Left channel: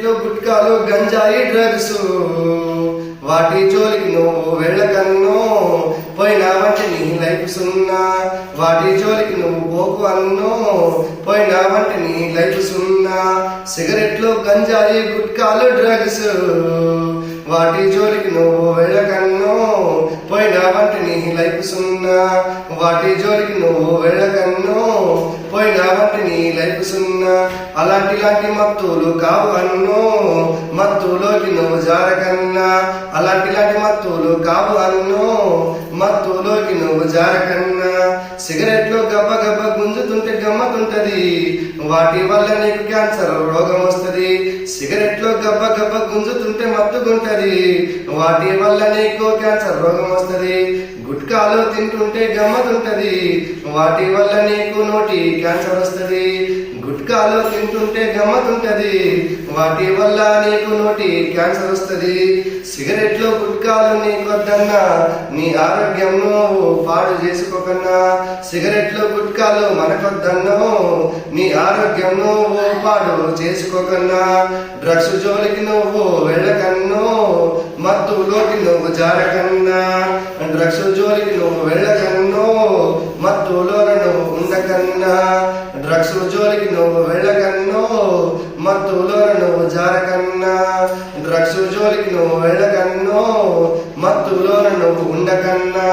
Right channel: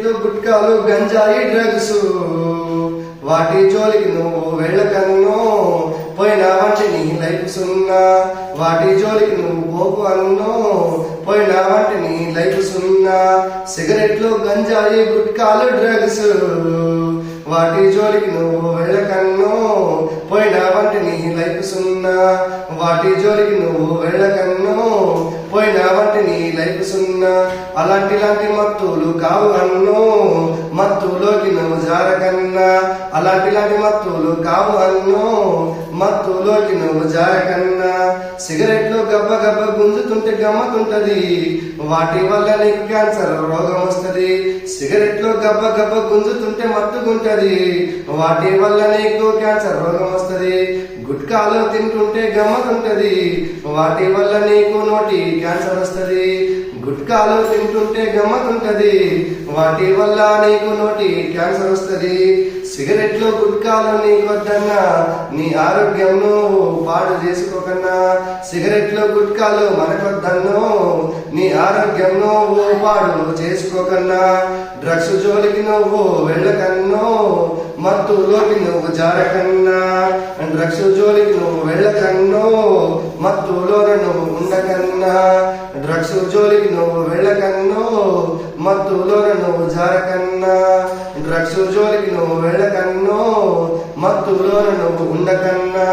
సిగరెట్లు గుట్కాలు గంజాయి డ్రగ్స్ వాటి జోలికి నువ్వు వెళ్ళకన్నో పోయినావంటే నీ లైఫ్ సున్నా వాటి జోలికి నువ్వు పోకు అన్నో పోయినావంటే నీ లైఫ్ సున్నా సిగరెట్లు గంజాయి గుట్కాలు డ్రగ్స్ వాటి జోలికి నువ్వు వెళ్ళకన్నో పోయినావంటే నీ లైఫ్ సున్నా వాటి జోలికి నువ్వు వెళ్ళకన్నో పోయినావంటే నీ లైఫ్ సున్నా అలాంటి మత్తులు కావు అన్నో మత్తులోకి నువ్వు జారకన్నా అలాంటి మత్తులు కావు అన్నో మత్తులోకి నువ్వు జారకన్నా సిగరెట్లు గబ్బ గబ్బ గుంజుతుంటే గమ్మతుంటది వాటి వల్ల నీకు క్యాన్సర్ రోగం వస్తుంది సిగరెట్లు గబ్బ గబ్బ గుంజుతుంటే మత్తుకుంటది వాటి వల్ల నీకు క్యాన్సర్ రోగం వస్తుంది గుట్కాలు తింటుంటే గమ్మతుంటది వాటి వల్ల నీకు నోటి క్యాన్సర్ వస్తుంది గుట్కాలు తింటుంటే గమ్మతుంటది వాటి వల్ల నీకు నోటి క్యాన్సర్ వస్తుంది సిగరెట్లు గుట్కాలు నీకొద్దన్నా నీ ఆరోగ్యం నువ్వు పాడు చేసుకోకన్నా సిగరెట్లు గుట్కాలు మనకొద్దన్నో నీ ఆరోగ్యం నువ్వు పాడు చేసుకోకన్నా డ్రగ్స్ జోలికి నువ్వు వెళ్ళకన్నో మత్తులోకి నువ్వు జారకన్నా డ్రగ్స్ జోలికి నువ్వు వెళ్ళకన్నో మత్తులోన నువ్వు ఉండకన్నా డ్రగ్స్ జోలికి నువ్వు వెళ్ళకన్నో మత్తులోన నువ్వు జారకన్నా డ్రగ్స్ జోలికి నువ్వు వెళ్ళకన్నో మత్తులోన నువ్వు ఉండకన్నా